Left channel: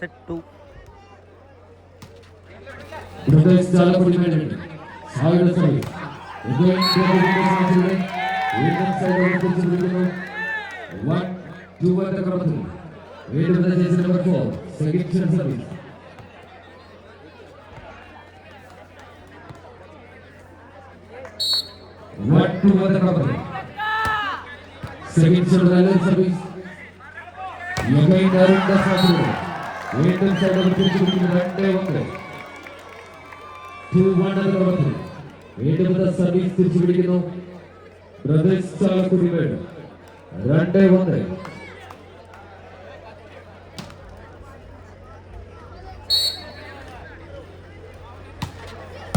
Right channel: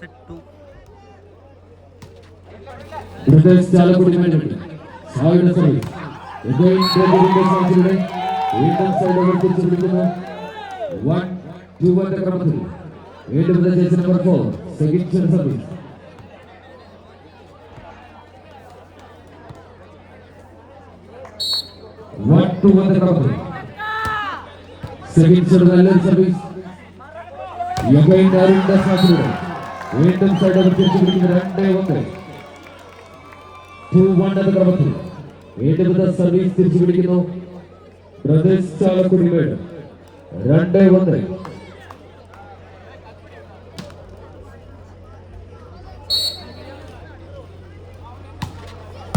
set 2. Brothers Chalapudi Mandate. Side service. Again, one, two, one, the Kramatu. Wait for the jersey number 4. Second service. One, two, one, the Kramatu. Second service. Again, Arun the Saturday. Wait inside of the jersey. 2-1 the Kramatu. Wait for the service. Brothers Chalapudi Mandate. 2-1.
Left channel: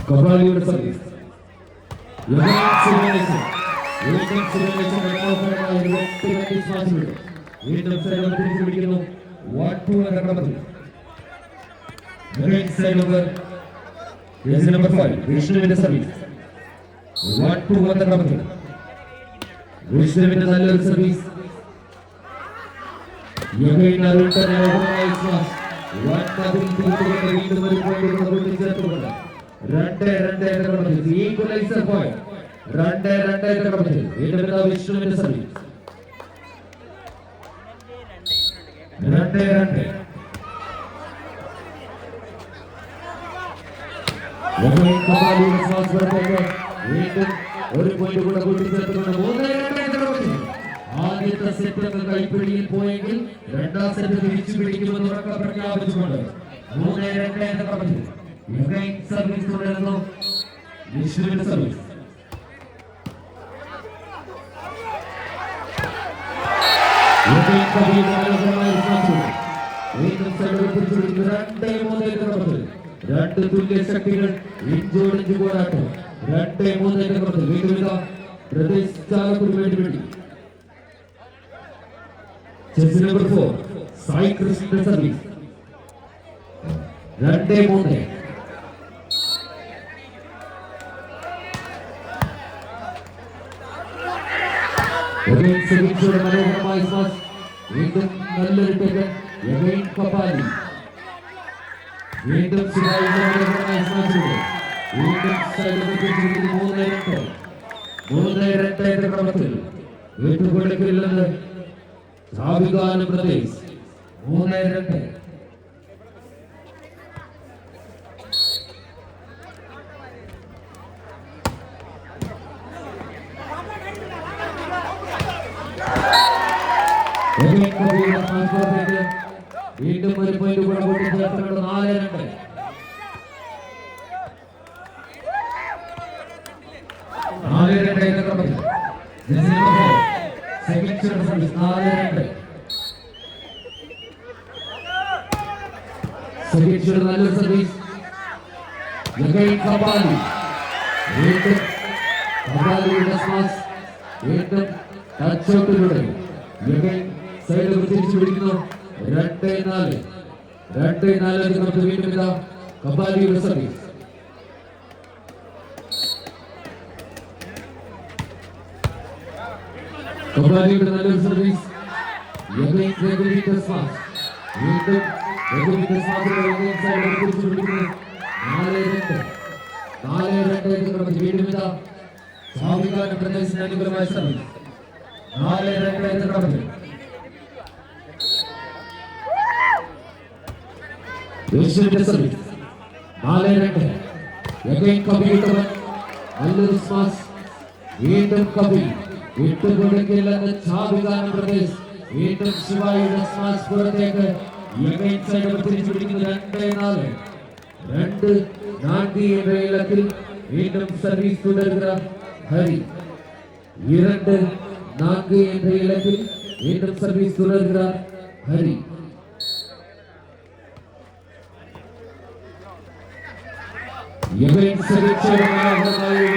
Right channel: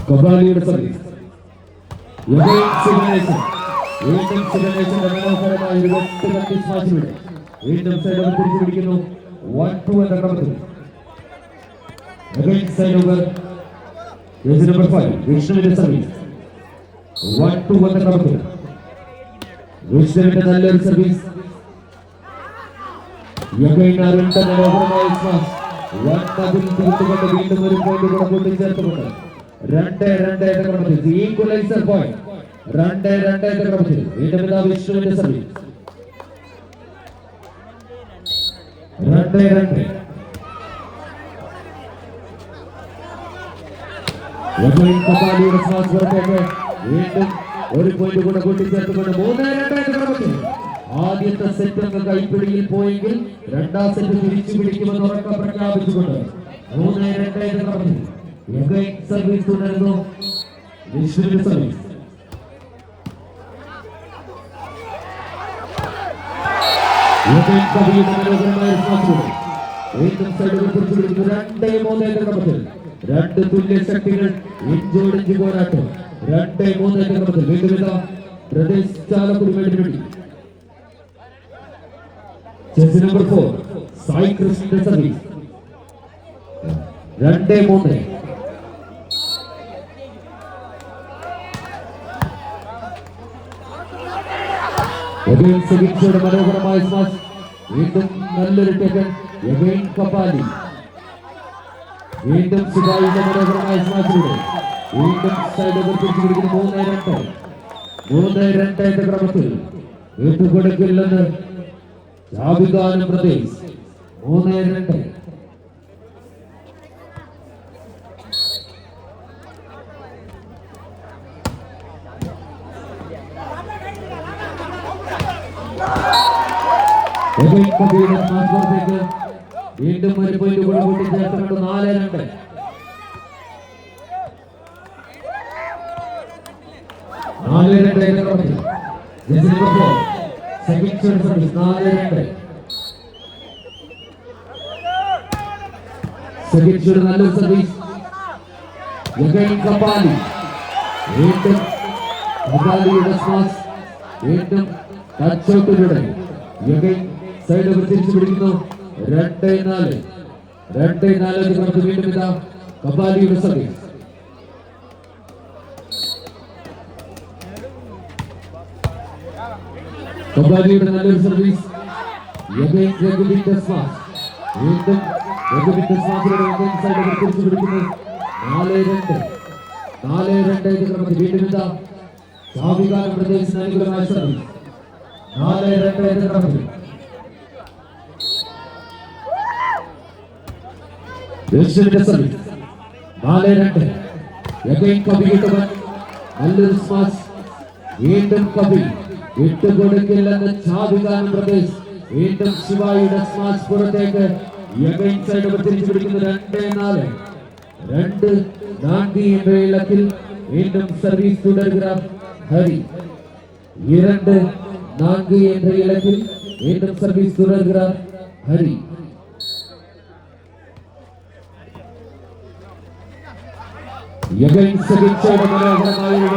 Kabali service. Again simulation. Waiting simulation. Wait inside of the 1-2 and the Kramatu. Again side over. Jersey number 5. Vishnu with the service. 1-2 and the Kramatu. Vishnu with another service. Again Arun the equalizer point. Run there, the Kramatu. Wait a minute, Vishnu with the service. Run there. Again, Kabali responsible for wait. One point to go to the Kramatu. ആദ്യത്തെ set കൈപ്പിടിയിൽ പോയെങ്കിൽ രണ്ടാം set തിരിച്ചു പിടിക്കുമെന്ന് ഉറക്കെ പ്രഖ്യാപിച്ചുകൊണ്ട് 3-2 നടന്നു. Again service തുടരുന്നു. വിഷ്ണുവിന്റെ service. Again കബീറിന്റെ മനോഹരമായ സ്മാഷ്. വീണ്ടും സൈഡ് തിരിച്ചു പിടിക്കുന്നു. 2-3 നടന്നു. രണ്ട് തുല്യ ശക്തികൾ ഇഞ്ചോടിഞ്ച് പോരാട്ടം. 2-3 നടന്നു. വീണ്ടും ഇതാ ബ്രദേഴ്സ് ചാലക്കുടി വേണ്ടി Jersey number 4, Sai Krishna service. 2-3. Again, second shot of Malagura Smash. Windham Nallar taken. Again, Kapali. Windham Sibai Malagura Smash. Windham side of the pitch with the 3-2 the Kramatu. Windham Golakil Javigana Pradesh 3-2. Again, Kabir transfer ചെയ്ത് വീണ്ടും ഒരു point കൂടെ കൂടി ചേർത്തുകൊണ്ട് 4-2. Second service 4-2. Second നല്ല service. Again Kapali. വീണ്ടും Kapaliയുടെ smash. വീണ്ടും touch ഔട്ടിലൂടെ Again സൈഡിൽ തിരിച്ചു പിടിക്കുന്നു. 2-4. 2-4 നമുക്ക് വീണ്ടും ഇതാ കപാലിയുടെ സർവീസ്. കപാലിയുടെ നല്ലൊരു സർവീസ്. Again Gregory's smash. വീണ്ടും Gregory's സ്മാഷിലൂടെ സൈഡിൽ തിരിച്ചു പിടിക്കുന്നു. 4-2. 4-2 നമുക്ക് വീണ്ടും ഇതാ സാവികാന പ്രദേശ് അനുകൂലമായ സർവീസ്. 4-2 നമുക്ക് വിഷ്ണുവിന്റെ സർവീസ്. 4-2. Again കബീർ നല്ലൊരു സ്മാഷ്. വീണ്ടും കബീർ വിട്ടുകൊടുക്കില്ലെന്ന് ചാവികാന പ്രദേശ്. വീണ്ടും ശിവായുടെ സ്മാഷ് പുറത്തേക്ക്. Again സൈഡ് തിരിച്ചു പിടിക്കുന്നു. 2-4. 2-4 എന്ന ഇലത്തിൽ വീണ്ടും സർവീസ് തുടരുക ഹരി. 2-4 എന്ന ഇലത്തിൽ വീണ്ടും സർവീസ് തുടരുക ഹരി. Again second side മനോഹരമായി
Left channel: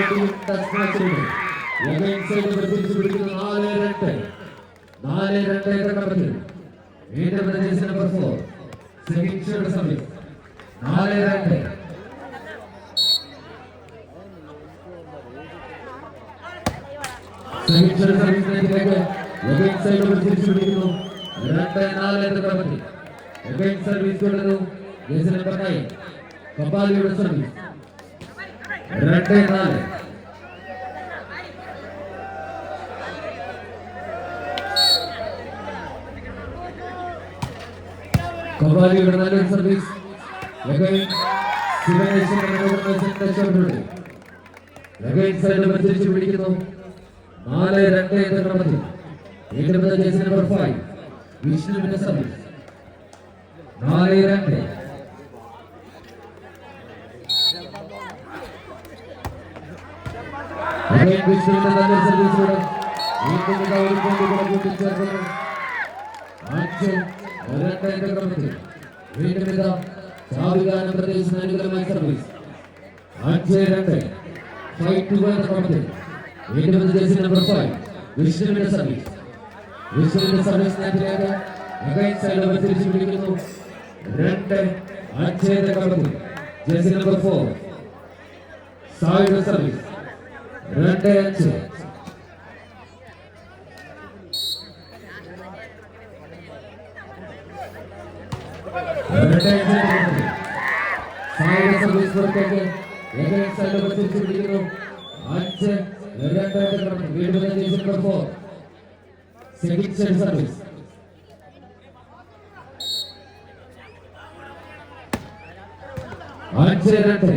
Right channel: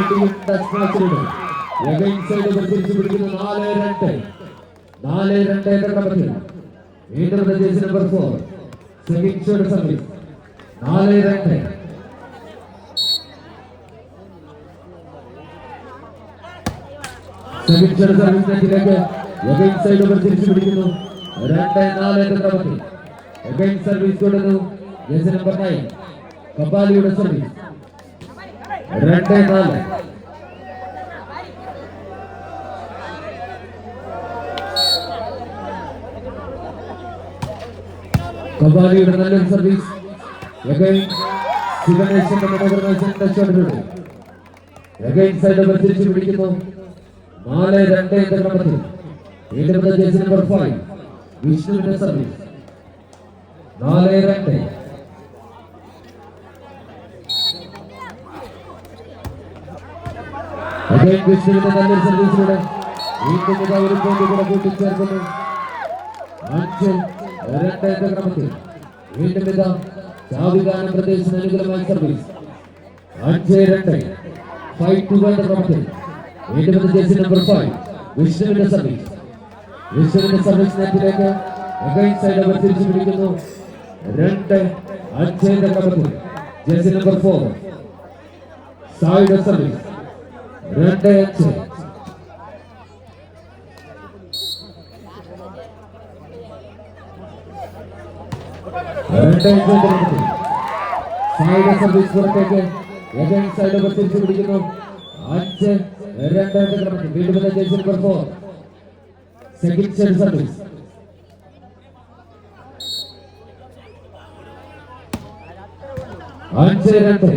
Again side തിരിച്ചു പിടിക്കുന്നു. 4-2. 4-2 ക്രമത്തിൽ വീണ്ടും jersey number 4 second shot service. 4-2. Second shot സർവീസിലേക്ക് Again സൈഡ് തിരിച്ചു പിടിക്കുന്നു. 2-4 എന്ന ക്രമത്തിൽ Again service തുടരുന്നു. Jersey number 9. കപാലിയുടെ സർവീസ്. 2-4. കപാലിയുടെ നല്ലൊരു സർവീസ്. Again തിരിച്ചു പിടിക്കുന്നു. 4-2 എന്ന ക്രമത്തിൽ വീണ്ടും ജേഴ്സി നമ്പർ 5 വിഷ്ണുവിന്റെ സർവീസ്. 4-2. വിഷ്ണുവിന്റെ നല്ല സർവീസിലൂടെ വീണ്ടും ഒരു പോയിന്റ് കൂട്ടിച്ചേർക്കുന്നു. 5-2 എന്ന ക്രമത്തിൽ വീണ്ടും സാവിധാന പ്രദേശത്തിന് അനുകൂലമായ സർവീസ്. 5-2 5-2 എന്ന ക്രമത്തിൽ വീണ്ടും ജേഴ്സി നമ്പർ 5 വിഷ്ണുവിന്റെ സർവീസ്. വിഷ്ണുവിന്റെ സർവീസ് നെറ്റിലേക്ക് അഗൈൻസ്റ്റ് സൈഡ് തിരിച്ചു പിടിക്കുന്നു. 2-5 എന്ന ക്രമത്തിൽ ജേഴ്സി നമ്പർ 4 സായുടെ സർവീസ്. 2-5. സായുടെ സർവീസ് പുറത്തേക്ക് അഗൈൻസ്റ്റ് സൈഡ് തിരിച്ചു പിടിക്കുന്നു. 5-2 എന്ന ക്രമത്തിൽ വീണ്ടും jersey number 4 second side service. 5-2.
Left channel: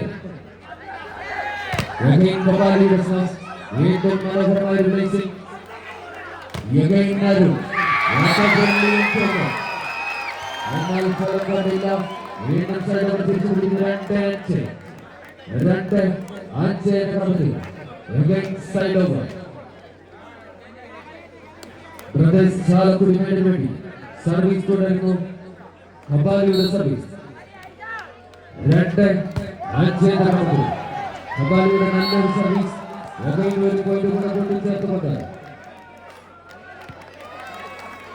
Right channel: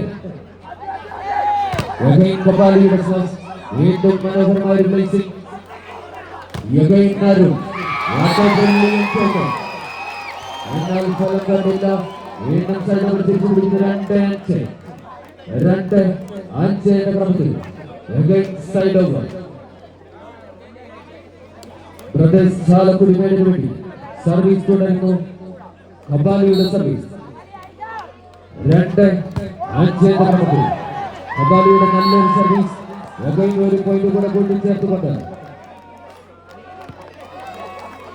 കപാലിയുടെ സ്വാസ് വീണ്ടും മനോഹരമായ റിലീസിംഗ്. വീണ്ടും സൈഡ് തിരിച്ചു പിടിക്കുന്നു. 2-5 എന്ന ക്രമത്തിൽ സൈഡ് ഓവർ ബ്രദേഴ്സ് ചാലക്കുടിക്ക് വേണ്ടി സർവീസ് തുടരുന്നു. കപാലിയുടെ സർവീസ്. 2-5 എന്ന ക്രമത്തിൽ കപാലിയുടെ നല്ലൊരു സർവീസ്. ഒരു പോയിന്റ് കൂടെ കൂട്ടിച്ചേർത്തുകൊണ്ട്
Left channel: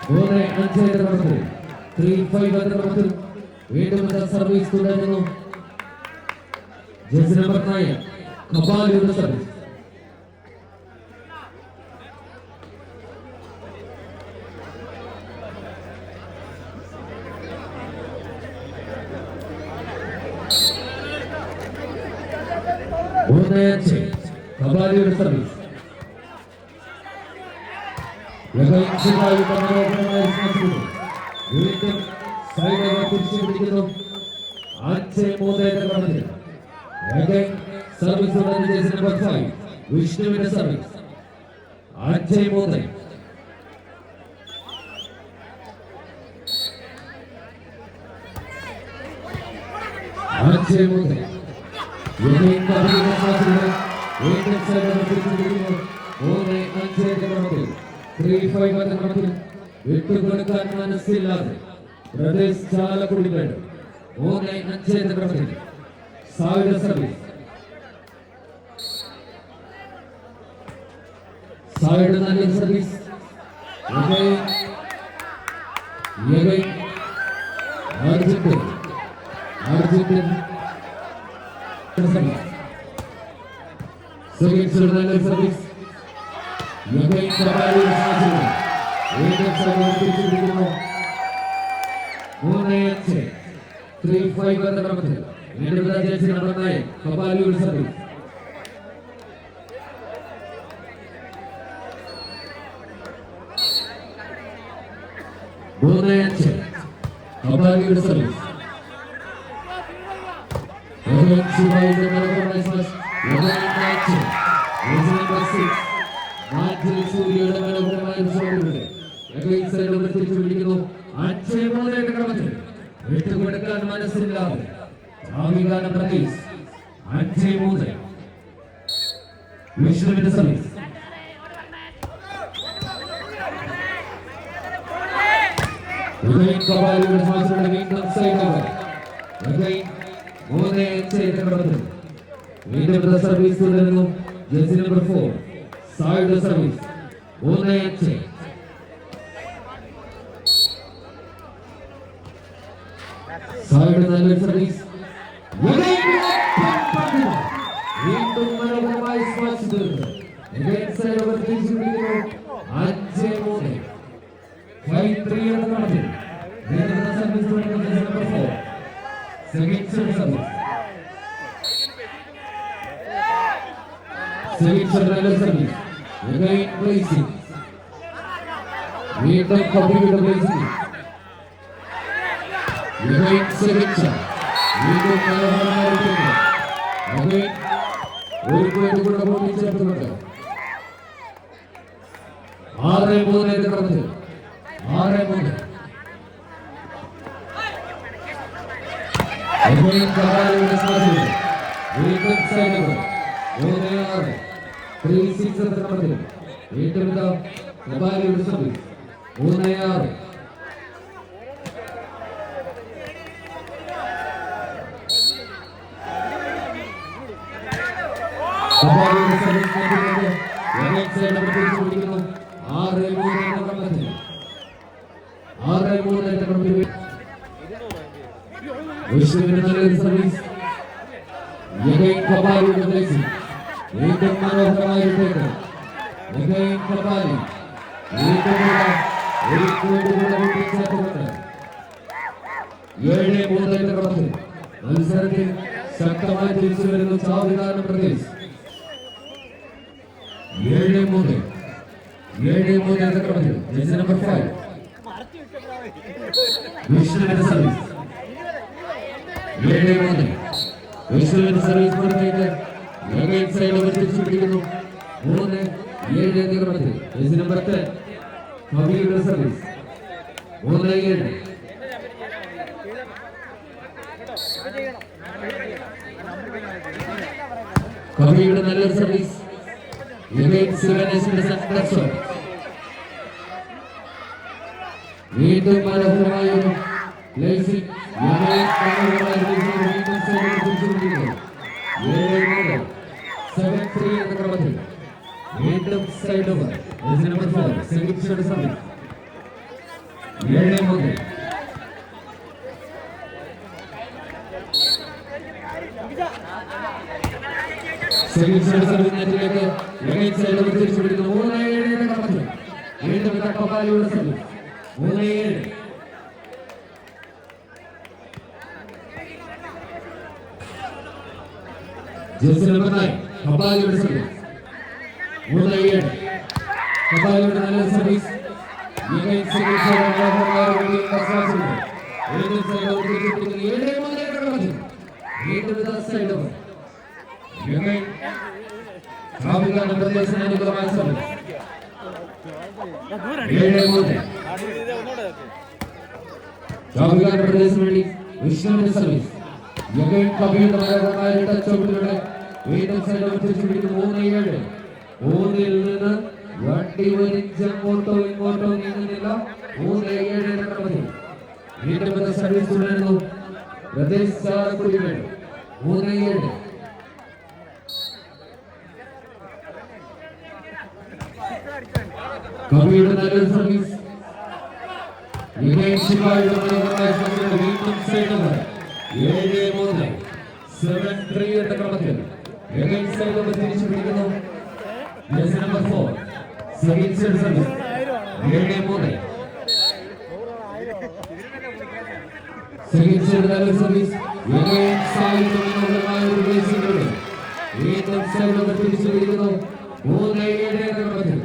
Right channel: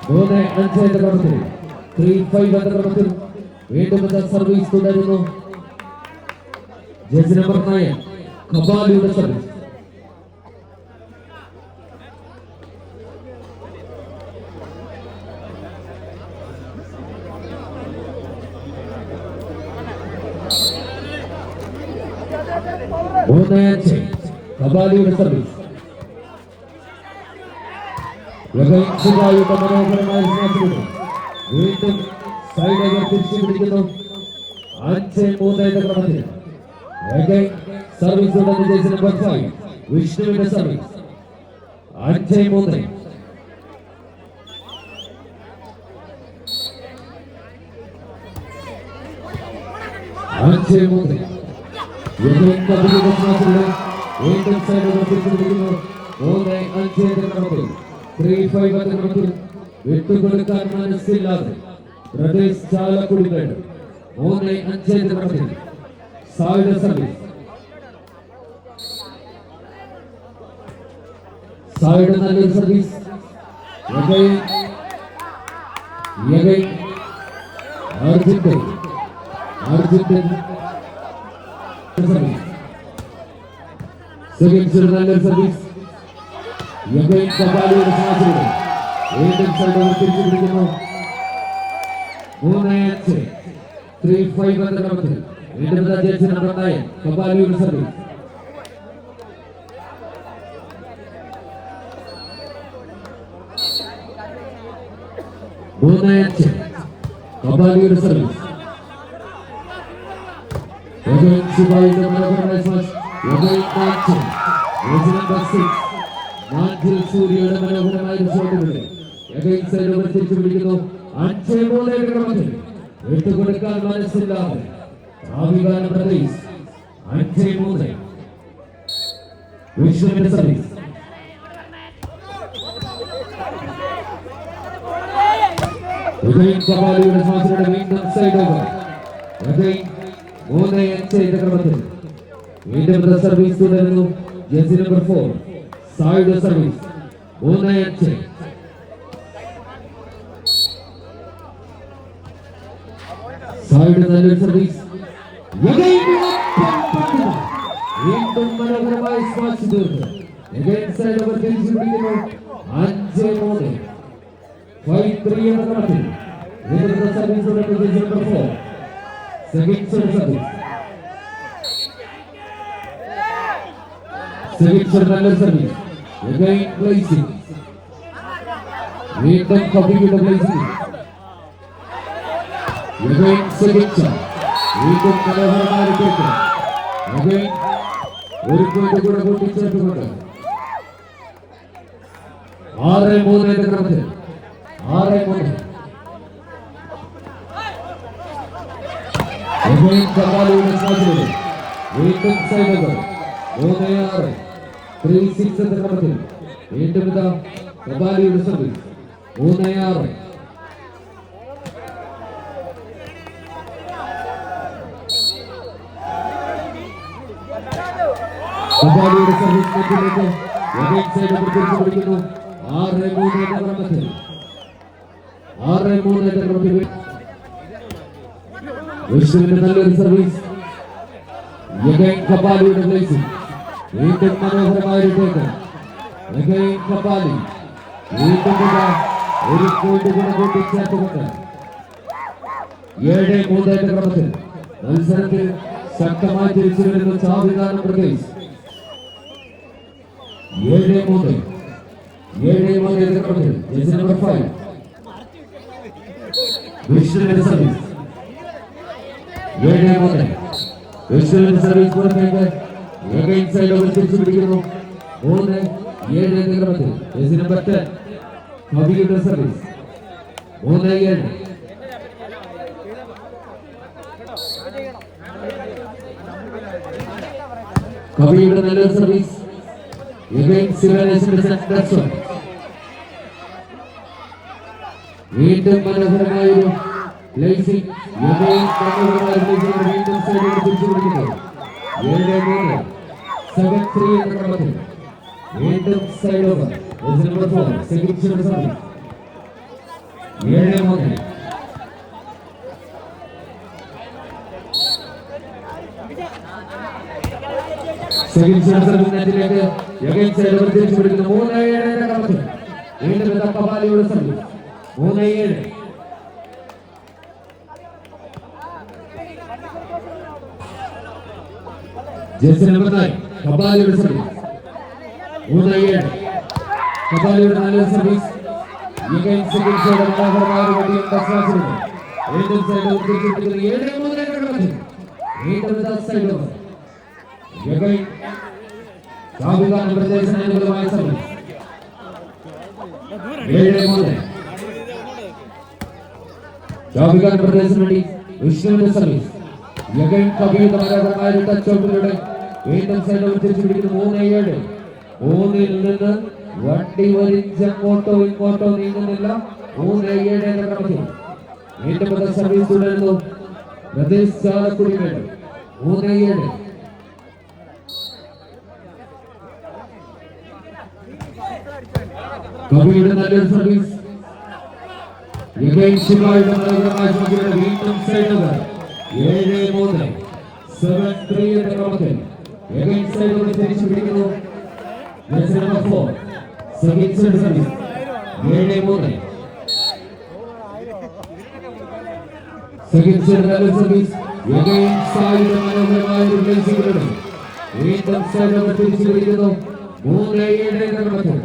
3-5 എന്ന ക്രമത്തിൽ 3-5 എന്ന ക്രമത്തിൽ വീണ്ടും സർവീസ് തുടരുന്നു. ജേഴ്സി നമ്പർ 9 കപാലിയുടെ സർവീസ്. 3-5 കപാലിയുടെ സർവീസ്. വീണ്ടും സൈഡ് തിരിച്ചു പിടിക്കുന്നു. 5-3 എന്ന ക്രമത്തിൽ സർവീസ് ജേഴ്സി നമ്പർ 5 വിഷ്ണുവിന്റെ സർവീസ്. 5-3. വിട്ടുകൊടുക്കാൻ മനസ്സില്ലാതെ പ്രദേശ് ചാലക്കുടിക്കാട് 3-5 എന്ന ക്രമത്തിൽ സായുടെ സർവീസ്. സായുടെ നല്ല സർവീസ്. സർവീസ്. വീണ്ടും തിരിച്ചു പിടിക്കുന്നു. 3-5 3-5 എന്ന ക്രമത്തിൽ വീണ്ടും ജേഴ്സി നമ്പർ 9 കപാലിയുടെ സർവീസ്. 3-5 കപാലിയുടെ സർവീസ്. സൂര്യയുടെ മനോഹരമായ തിരിച്ചു പിടിക്കുന്നു. 5-3 എന്ന ക്രമത്തിൽ വിട്ടുകൊടുക്കാൻ മനസ്സിലാതെ ആവികാല പ്രദേശ്. 5-3 വിഷ്ണുവിന്റെ സർവീസ്. കപാലിയുടെ ശ്വാസങ്ങളുടെ വീണ്ടും സൈഡ് ഓവർ. 3-5 എന്ന ക്രമത്തിൽ വീണ്ടും സർവീസ് തുടരുന്നു. ജേഴ്സി നമ്പർ 4 സായുടെ സർവീസ്. 3-5. സായുടെ നല്ലൊരു സർവീസ്. വീണ്ടും മനോഹരമായ സ്മാഷ് തീർന്നു. 5-3 5-3 എന്ന ക്രമത്തിൽ വീണ്ടും service number 4 second service service again placing വീണ്ടും കബീയുടെ placing again സെക്കൻഡ് വീണ്ടും കലഹമായിട്ട് again ഒരു പോയിന്റ് കൂടെ കൂട്ടിച്ചേർത്തുകൊണ്ട് 6-3 എന്ന ക്രമത്തിൽ 6-3 again കബാലിയുടെ സ്മാഷ് വീണ്ടും സൈഡ് 3-6 3-6 എന്ന ക്രമത്തിൽ വീണ്ടും കബാലിയുടെ സർവീസ് 3-6 കബാലിയുടെ സർവീസ് again സൈഡ് പിടിച്ചു പിടിക്കുന്നു 6-3 എന്ന ക്രമത്തിൽ 6-3 എന്ന ക്രമത്തിൽ വിഷ്ണുവിന്റെ നല്ലൊരു സർവീസ് again കബാലിയുടെ പ്ലേസിംഗ് വീണ്ടും മനോഹരമായിട്ടേക്ക് again കബാലി വീണ്ടും ഒരു പോയിന്റ് കൂടെ കൂട്ടിച്ചേർത്തുകൊണ്ട് 7-3 എന്ന ക്രമത്തിൽ മത്സരത്തിൽ ശക്തമായി തിരിച്ചു വരുന്ന ചാവിധാനം പ്രദേശ് 7-3 എന്ന ക്രമത്തിൽ ജേഴ്സി നമ്പർ 5 വിഷ്ണുവിന്റെ സർവീസ് 7-3 വിഷ്ണുവിന്റെ സർവീസ് പുറത്തേക്ക് again സൈഡ് തിരിച്ചു പിടിക്കുന്നു 3-7 എന്ന ക്രമത്തിൽ ജേഴ്സി നമ്പർ 10 കബീയുടെ സർവീസ് 3-7 കബീയുടെ നല്ലൊരു സർവീസ് again ശിവനേശ്വരന്റെ സംഘർഷം വീണ്ടും മനോഹരമായൊരു പ്ലേസിംഗ് വീണ്ടും സൈഡ് തിരിച്ചു പിടിക്കുന്നു 7-3 7-3 എന്ന ക്രമത്തിൽ വീണ്ടും side over jersey number 4 second service 7-3 second service നെറ്റിലേക്ക് again സൈഡ് ഓവർ തിരിച്ചു പിടിക്കുന്നു 3-7 എന്ന ക്രമത്തിൽ വീണ്ടും കബാലിയുടെ സർവീസ് 3-7 ജേഴ്സി നമ്പർ 9 കബാലിയുടെ സർവീസ് 3-7 കബാലിയുടെ നല്ല സർവീസ് again സെക്കൻഡ് വീണ്ടും സൈഡ് ഓവർ തിരിച്ചു പിടിക്കുന്നു 7-3 എന്ന ക്രമത്തിൽ വീണ്ടും സൈഡ് ഓവർ again ചാവിധാന പ്രദേശത്തിനുള്ളമായ സർവീസ് 7-3 ചാവിധാന പ്രദേശത്തിന് വേണ്ടി വിഷ്ണുവിന്റെ സർവീസ് again കബീർ മനോഹരമായ ചവിട്ടിലൂടെ വീണ്ടും സൈഡ് ഓവർ തിരിച്ചു പിടിക്കുന്നു 3-7 3-ൽ നിന്ന് വണ്ടി വലിച്ച് അങ്ങോട്ടോ ഇങ്ങോട്ടോ നീങ്ങുന്നില്ല 3-7 എന്ന ക്രമത്തിൽ വീണ്ടും സർവീസ് തുടരുന്നു വിദേശ ചാലക്കുടി വേണം 3-7 കബീയുടെ നല്ലൊരു സർവീസ് again ശിവായുടെ മനോഹരമായ പന്തിലൂടെ വീണ്ടും സൈഡ് ഓവർ 7-3 7-3 എന്ന ക്രമത്തിൽ again സൈഡ് ഓവർ തിരിച്ചു പിടിക്കുന്നു jersey number 4 second service 7-3 second നല്ല സർവീസ് again സായിയുടെ മനോഹരമായ ഒരു പ്ലേസിംഗിലൂടെ വീണ്ടും സൈഡ് ഓവർ തിരിച്ചു പിടിക്കുന്നു 3-7 എന്ന ക്രമത്തിൽ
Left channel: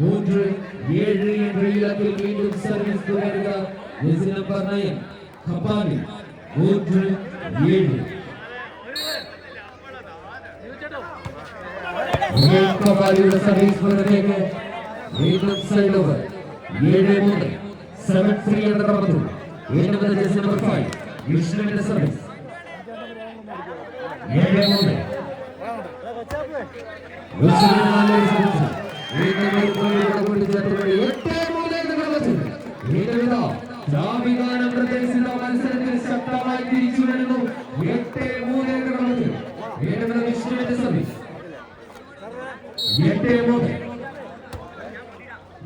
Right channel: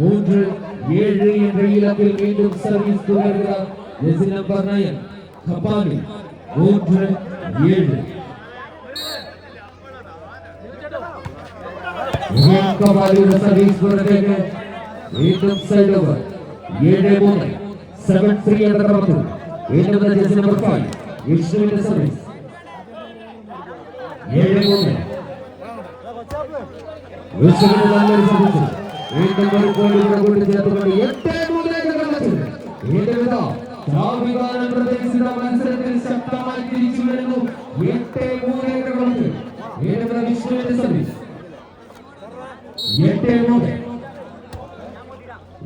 3-7 എന്ന ഇലക്കിൽ വീണ്ടും സർവീസ് തുടരുക ജേഴ്സി നമ്പർ 9 കബാലി 3-7 കബാലിയുടെ സർവീസ് പുറത്തേക്ക് വീണ്ടും സൈഡ് ഓവർ 7-3 7-3 എന്ന ക്രമത്തിൽ വീണ്ടും ജേഴ്സി നമ്പർ 5 വിഷ്ണുവിന്റെ സർവീസ് 7-3 വിഷ്ണുവിന്റെ സർവീസ് വീണ്ടും ഒരു ഗോൾ കൂടെ കൂട്ടിച്ചേർത്തുകൊണ്ട് 8-3 എന്ന ക്രമത്തിൽ വീണ്ടും ചാവിധാന പ്രദേശിയുടെ മത്സരത്തിൽ ശക്തമായി തിരിച്ചു വരുന്നു 8-3 എന്ന ക്രമത്തിൽ വീണ്ടും വിഷ്ണുവിന്റെ സർവീസ് 8-3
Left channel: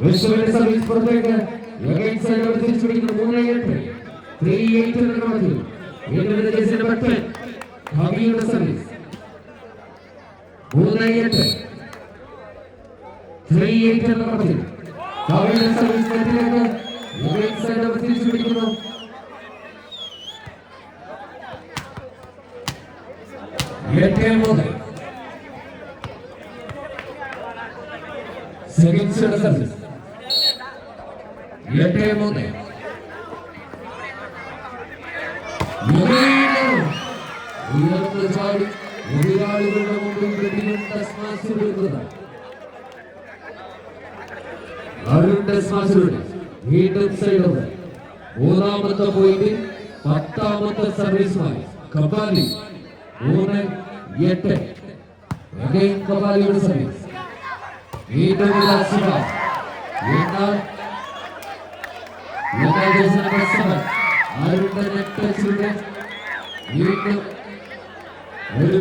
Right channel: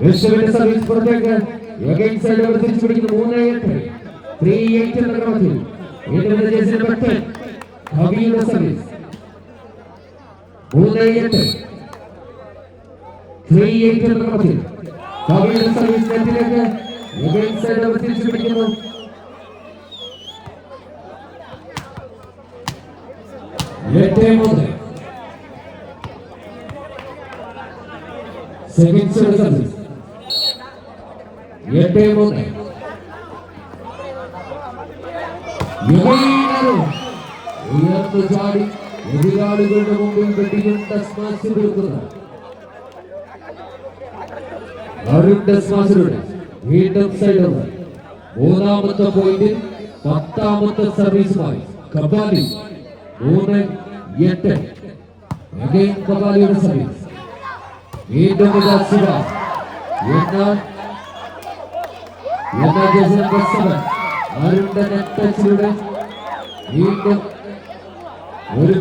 വിഷ്ണുവിന്റെ സർവീസ് പുറത്തേക്ക് again സൈഡ് ഓവർ തിരിച്ചു പിടിക്കുന്നു 3-8 3-8 എന്ന ക്രമത്തിൽ വീണ്ടും ജേഴ്സി നമ്പർ 10 കബീയുടെ സർവീസ് 3-8 3-8 എന്ന ക്രമത്തിൽ കബീയുടെ സർവീസ് നെറ്റിലേക്ക് again സൈഡ് ഓവർ തിരിച്ചു പിടിക്കുന്നു 8-3 സെക്കൻഡ് സർവീസ് 8-3 ഉയർന്നു ചാടി എതിരാളികളുടെ മുമ്പിൽ വെടിയും ടെസ്മാസ് കൊടുക്കുന്നത് വീണ്ടും സൈഡ് ഓവർ മൂന്നാമത്തെ പോയിന്റ് 10ാമത്തെ സർവീസുമായി കബാലി 3-8 കബാലിയുടെ സർവീസ് വീണ്ടും വീണ്ടും ഒരു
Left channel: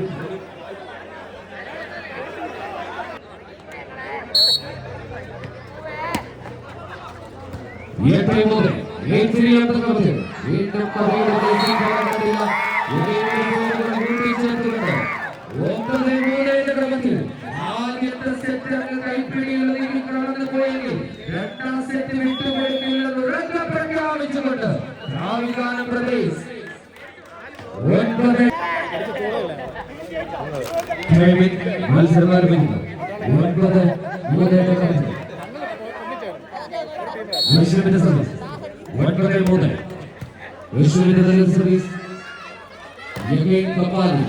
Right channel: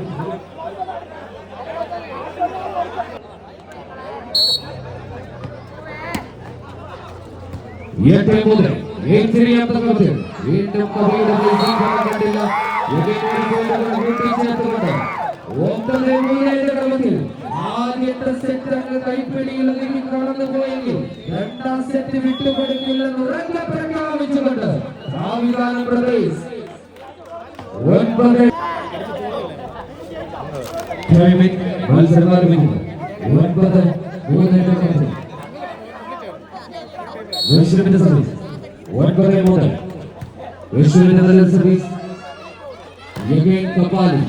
ആദ്യത്തെ സെറ്റ് കൈപ്പിടിയിൽ കടന്നു പോയെങ്കിൽ രണ്ടാം സെറ്റ് വിട്ടുകൊടുക്കില്ലെന്ന് പ്രഖ്യാപിച്ചുകൊണ്ട് പ്രദേശ് 9 മത്സരം ആരംഭിക്കുന്നു 9-3 ഋഷുവിന്റെ സർവീസ് 9-3 ഋഷുവിന്റെ നല്ല സർവീസ് കപാലി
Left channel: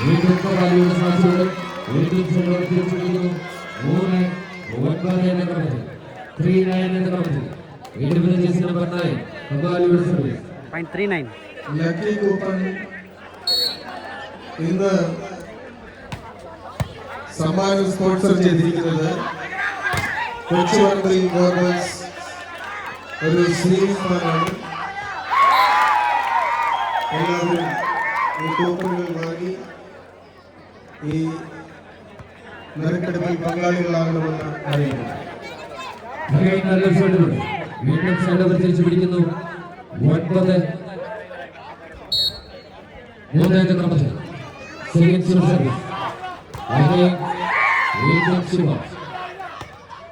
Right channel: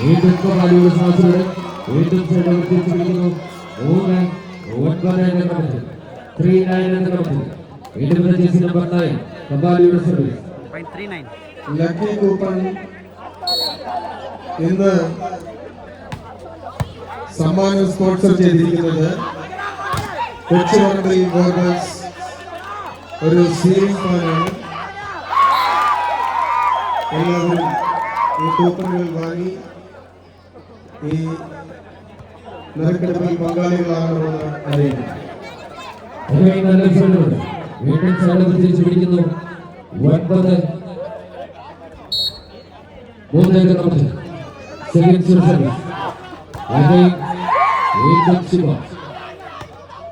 വീണ്ടും കപാലിയുടെ ശ്വാസങ്ങൾ വീണ്ടും തിരിച്ചുപിടിക്കുന്നു 3-9 എന്ന ക്രമത്തിൽ 3-9 എന്ന ക്രമത്തിൽ വീണ്ടും ജേഴ്സി നമ്പർ 9 കപാലിയുടെ സർവീസ് 0.39 ലക്കി കൂപ്പൺ ഇന്ന് സമ്മാനം സ്പോൺസർ ചെയ്തിരിക്കുന്നത് കൊച്ചുവണ്ടി ഗോർമെന്റ്സ് ഒരു സീലിംഗ് ഫാനാണ്. എല്ലാവരും ഈ കൂപ്പണുകൾ വാങ്ങി ഈ നറുക്കെടുപ്പിൽ പങ്കാളികളാകണമെന്ന് അറിയിക്കുന്നു. പിടിക്കുന്നു 9-3 ക്രമത്തിൽ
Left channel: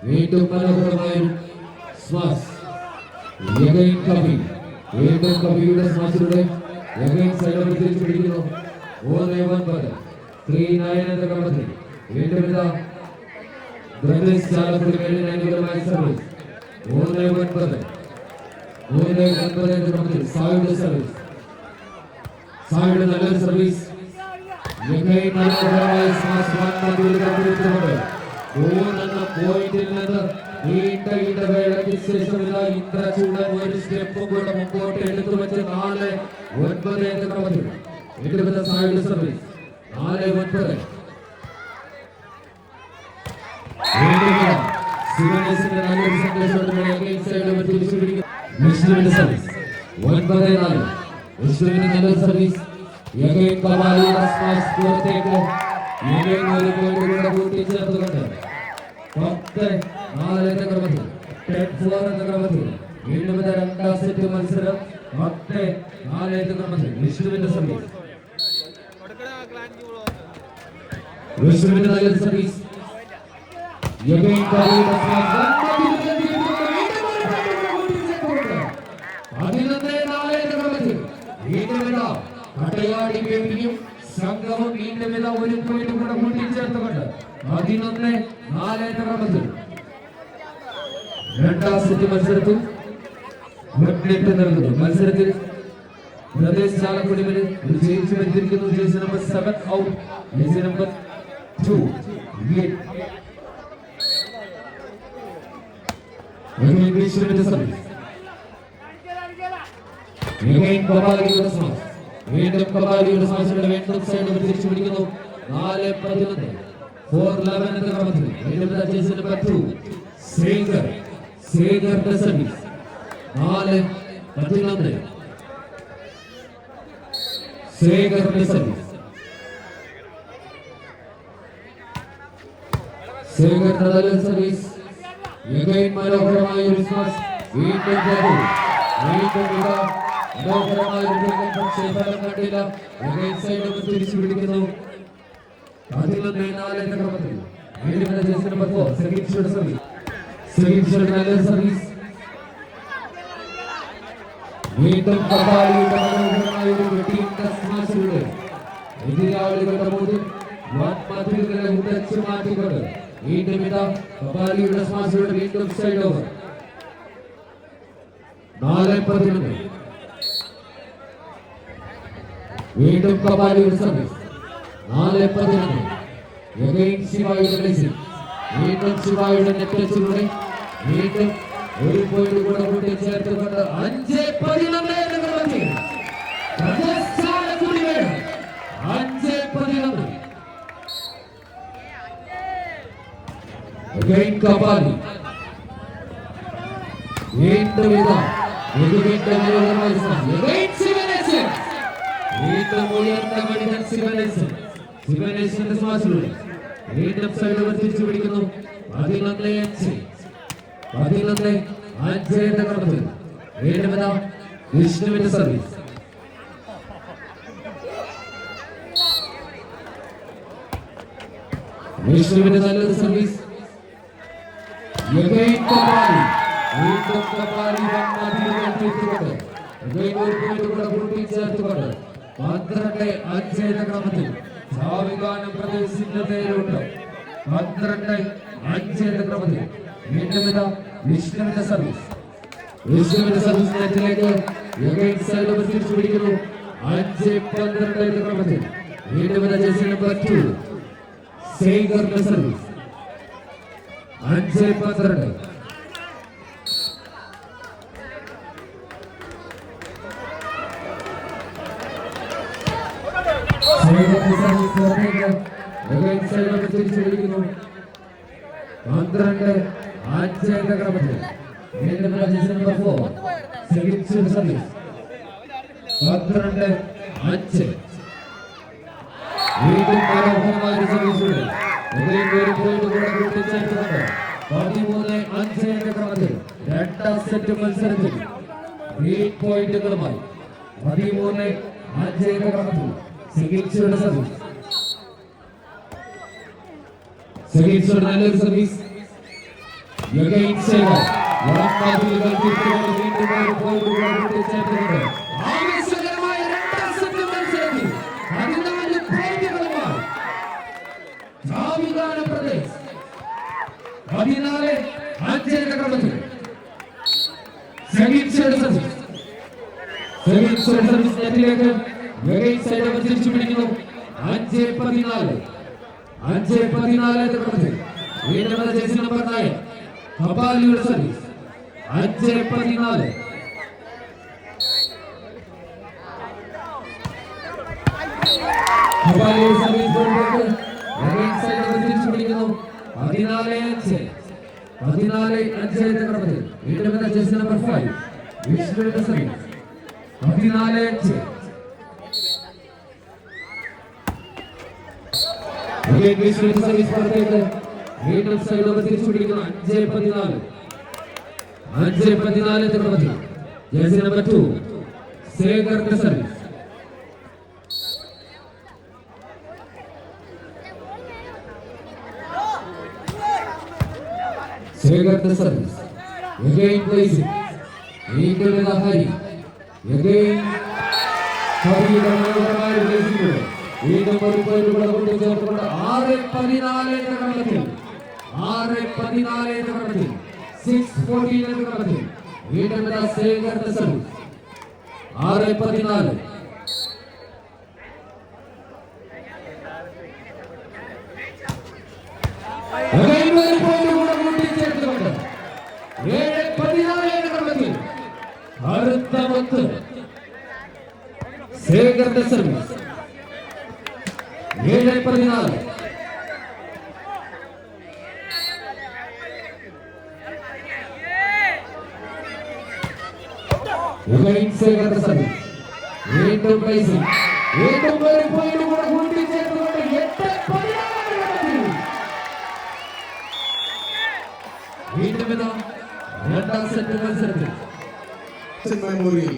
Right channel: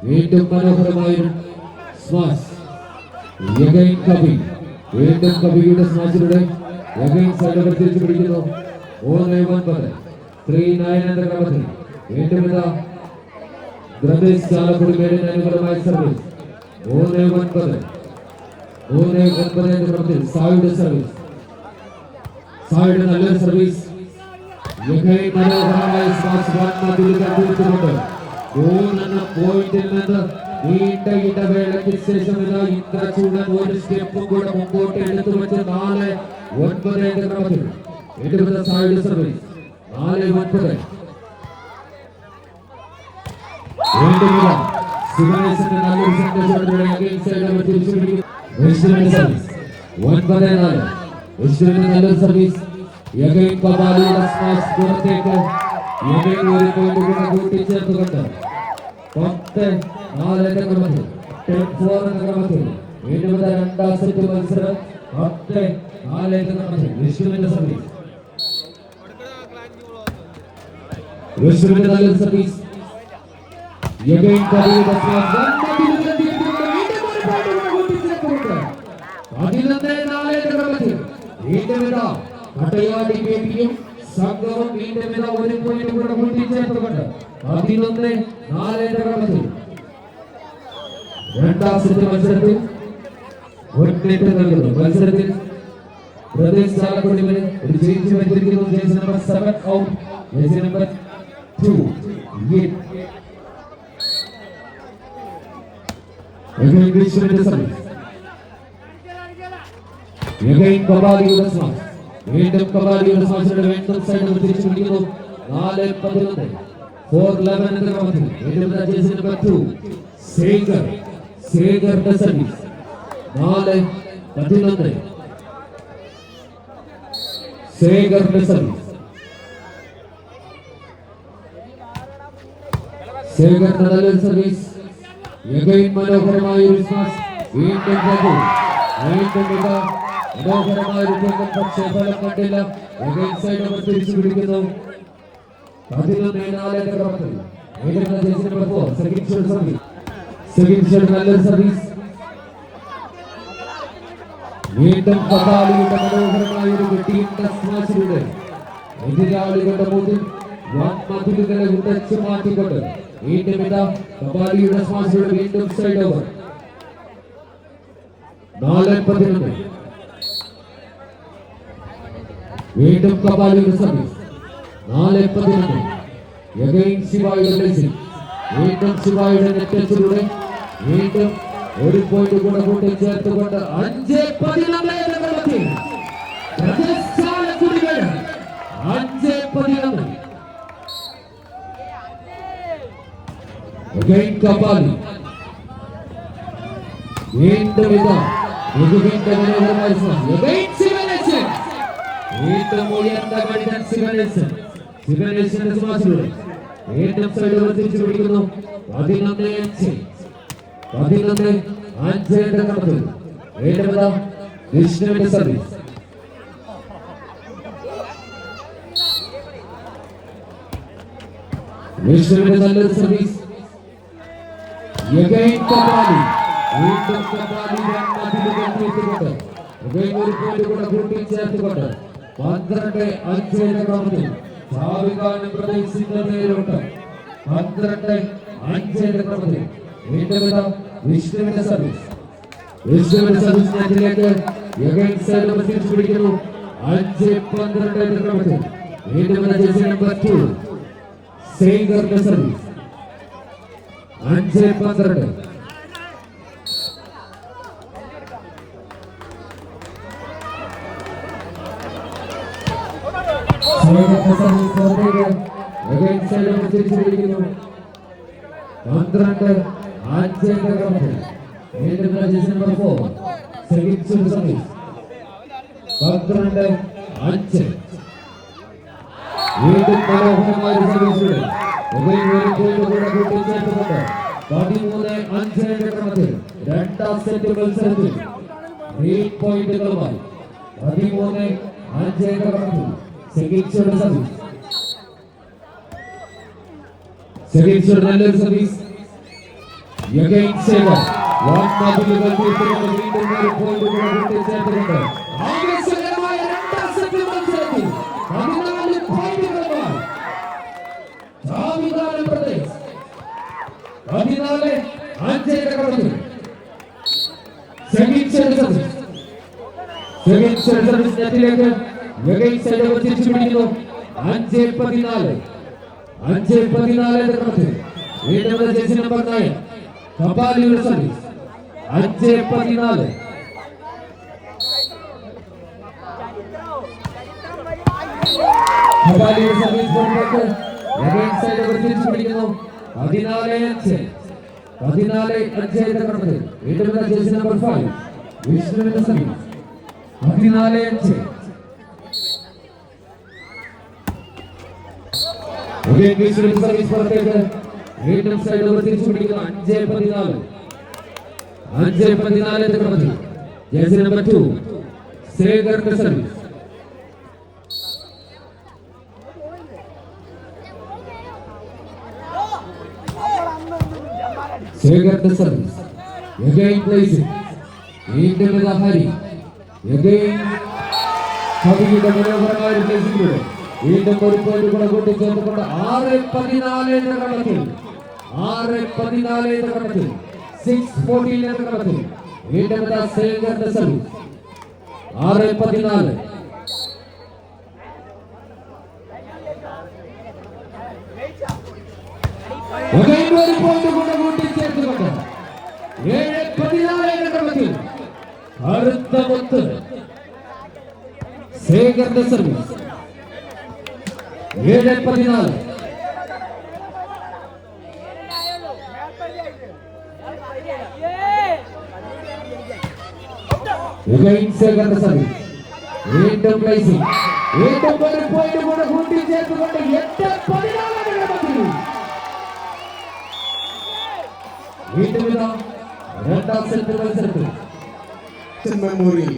വീണ്ടും മനോഹരമായ സ്മാഷ് കവി വീണ്ടും കവിയുടെ സ്മാഷിലൂടെ തിരിച്ചു പിടിക്കുന്നു 3-9 എന്ന ക്രമത്തിൽ വീണ്ടും മനോഹരമായ സർവീസ് 3-9 എന്ന ക്രമത്തിൽ സായുടെ സർവീസ് സായുടെ നല്ലൊരു സർവീസ് മനോഹരമായ സ്മാഷ് മൂന്നെണ്ണ പോയിന്റിൽ നിന്ന് നീണ്ട ഇടവേളയ്ക്ക് ശേഷം ഇന്ദ്രചൂടൻ ഒരു സ്റ്റെപ്പ് കൂടെ മുമ്പോട്ട് എടുത്തു വെച്ച് 4-9 എന്ന ക്രമത്തിൽ വീണ്ടും സായുടെ സർവീസ് 4-9 സിമേഴ്സിന്റെ നല്ലൊരു സന്ദേശത്തോടെ തിരിച്ചു പിടിക്കുന്നു സർവീസ് 9-4 ഋഷുവിന്റെ നല്ലൊരു സർവീസ് കബാലിയുടെ സ്മാഷ് പുറത്തേക്ക് ഒരു പോയിന്റ് കൂടെ കൂട്ടിച്ചേർത്തുകൊണ്ട് 10-4 എന്ന ക്രമത്തിൽ 10-4 എന്ന ക്രമത്തിൽ വീണ്ടും രണ്ടാം സെറ്റ് മത്സരം 10-4 എന്ന ക്രമത്തിൽ ഋഷുവിന്റെ സർവീസ് നല്ലൊരു സർവീസ് 11-4 എന്ന ക്രമത്തിൽ വീണ്ടും പടയാടി വേണ്ടിയും സംഘവും വീണ്ടും ഒരു പോയിന്റ് കൂടെ കൂട്ടിച്ചേർത്തുകൊണ്ട് 11-4 എന്ന ക്രമത്തിൽ രണ്ടാം സെറ്റ് മത്സരത്തിൽ ഒരു മിനിറ്റ് നൽകുന്നു. മത്സരത്തിൽ പ്രദേശ് ചാലക്കുടിയിൽ ഒരു ചേഞ്ച് വന്നിരിക്കുന്നു. Jersey number 7 out, jersey number 2 ഇംഗ്ലീഷിന്റെ സർവീസ് വീണ്ടും കബാലിയുടെ സ്മാഷിലൂടെ വീണ്ടും സൈഡ് തിരിച്ചു പിടിക്കുന്നു 4-11 4-11 എന്ന ക്രമത്തിൽ വീണ്ടും ജേഴ്സി നമ്പർ 2 സേഗറിന്റെ സർവീസ് 4-11 സേഗറിന്റെ സർവീസ് സേഗറിന്റെ നല്ല സർവീസ് മനോഹരമായ ഒരു സ്മാഷ് വീണ്ടും മനോഹരമായ പക്ഷേ ഫലം കണ്ടില്ല. സൈഡ് തിരിച്ചു പിടിക്കുന്നു 11-4 എന്ന ക്രമത്തിൽ നല്ലൊരു സർവീസ് വീണ്ടും കബാലിയുടെ മനോഹരമായ ഒരു ടീം സ്മാഷിലൂടെ എതിരാളികൾ അടിച്ചു മാറ്റിക്കൊണ്ട് വീണ്ടും ഇതാ കപാലിയുടെ സ്മാഷിയുടെ വീണ്ടും സൈഡ് ഓവർ 4-11 വീണ്ടും കപാലിയുടെ സർവീസ് 4-11 ശിവായുടെ ബ്ലേസിംഗ് വീണ്ടും ശിവായുടെ നെറ്റിലൂടെ വീണ്ടും ഒരു പോയിന്റ് കൂടെ കൂടി ചേർത്തുകൊണ്ട് 5-11 എന്ന ക്രമത്തിൽ രാജസ്ഥാൻ കുടിവേട് 5-11 again കപാലി വീണ്ടും ഇതാ വീണ്ടും ഉയർന്ന മണിതൻ ശിവനേശന്റെ സ്മാശിലൂടെ വീണ്ടും സൈഡ് തിരിച്ചു പിടിക്കുന്നു 11-5 എന്ന ക്രമത്തിൽ വീണ്ടും ഇതാ വിഷ്ണുവിന്റെ സർവീസ് വിഷ്ണുവിന്റെ നല്ലൊരു സർവീസ് വീണ്ടും കപാലി കൂട്ടി ചേർത്തുകൊണ്ട് 12-5 എന്ന ക്രമത്തിൽ ചാവികാനും പ്രതീക്ഷിക്കുന്നതിലോട്ട് 12-5 എന്ന ക്രമത്തിൽ വീണ്ടും വിഷ്ണുവിന്റെ സർവീസ് നെറ്റിലേക്ക് തിരിച്ചു പിടിക്കുന്നു 5-12 എന്ന ക്രമത്തിൽ വീണ്ടും ജേഴ്സി നമ്പർ 2 സേഗറിന്റെ സർവീസ് 5-12 തിരിച്ചു പിടിക്കുന്നു 12-5 എന്ന ക്രമത്തിൽ വീണ്ടും ജേഴ്സി നമ്പർ 4 സേഗറിന്റെ സർവീസ് 12-5 വീണ്ടും മനോഹരമായ സർവീസിലൂടെ 13-5 എന്ന ക്രമത്തിൽ രണ്ടാം സെറ്റ് മത്സരത്തിൽ 3 പോയിന്റുകളുമായി 13-5 എന്ന ക്രമത്തിൽ സെഗീച്ചയുടെ നല്ലൊരു സർവീസ് ആവേശകരമായ രണ്ടാം സെറ്റ് മത്സരത്തിൽ 14 പോയിന്റുകളുമായി പ്രദേശ് 14-5 എന്ന ക്രമത്തിൽ സെഗീച്ചയുടെ സർവീസ് നെറ്റിലേക്ക് തിരിച്ചു പിടിക്കുന്നു 5-14 എന്ന ക്രമത്തിൽ വീണ്ടും ജേഴ്സി നമ്പർ 9 കപാലിയുടെ സർവീസ് 5-14 കപാലിയുടെ സർവീസ് തിരിച്ചു പിടിക്കുന്നു 14-5 എന്ന ക്രമത്തിൽ വീണ്ടും ജേഴ്സി നമ്പർ 5 വിഷ്ണുവിന്റെ സർവീസ് 14-5 സർവീസ് പുറത്തേക്ക് വീണ്ടും സൈഡ് ഓവർ തിരിച്ചു പിടിക്കുന്നു 5-14 എന്ന ക്രമത്തിൽ ജേഴ്സി നമ്പർ 2 സേഗറിന്റെ സർവീസ് സേഗറിന്റെ സർവീസ് വീണ്ടും ഹരി മനോഹരമായ വീണ്ടും ഒരു പോയിന്റ് കൂടി ചേർത്തുകൊണ്ട് 6-14 എന്ന ക്രമത്തിൽ 6-14 എന്ന ക്രമത്തിൽ 6-14 എന്ന ക്രമത്തിൽ വീണ്ടും സേഗറിന്റെ സർവീസ് 6-14 ഒരു പോയിന്റ് കൂടി ചേർത്തുകൊണ്ട് 7-14 എന്ന ക്രമത്തിൽ അടുത്ത പത്ത് സേഗറിന്റെ സർവീസ് 7-14 സേഗറിന്റെ സർവീസ് വീണ്ടും ബ്ലേസിംഗ് വീണ്ടും ഒരു പോയിന്റ് കൂടെ കൂട്ടി ചേർത്തുകൊണ്ട് 8-14 വീണ്ടും രണ്ടാം സെറ്റ് മത്സരത്തിൽ മെമ്മോറിയൽ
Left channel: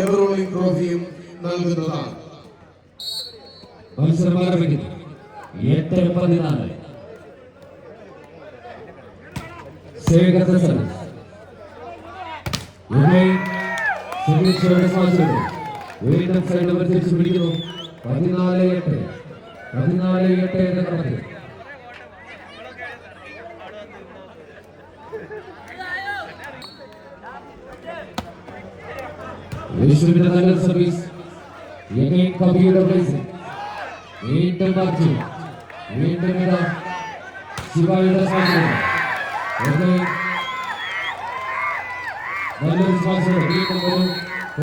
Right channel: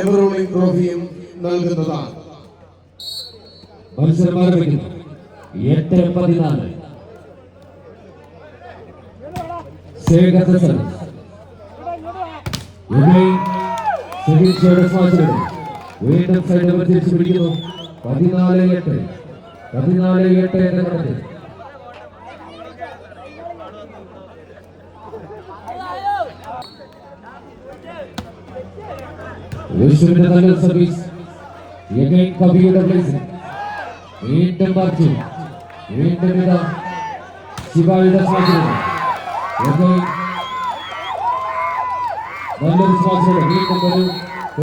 എവറോളിംഗ് ട്രോഫിയും നൽകുന്നതാണ്. മത്സരം ആരംഭിക്കുന്നു 8-14 സേഗറിന്റെ സർവീസ് വീണ്ടും സൈഡ് തിരിച്ചു പിടിക്കുന്നു 14-8 എന്ന ക്രമത്തിൽ യേശുവിന്റെ നല്ല സർവീസ് കബീയുടെ പ്ലേസിംഗ് വീണ്ടും മാറ്റി വീണ്ടും ഇതാ ശിവായുടെ സാധ്യത നല്ലൊരു സ്പോൺസർ വീണ്ടും ഒരു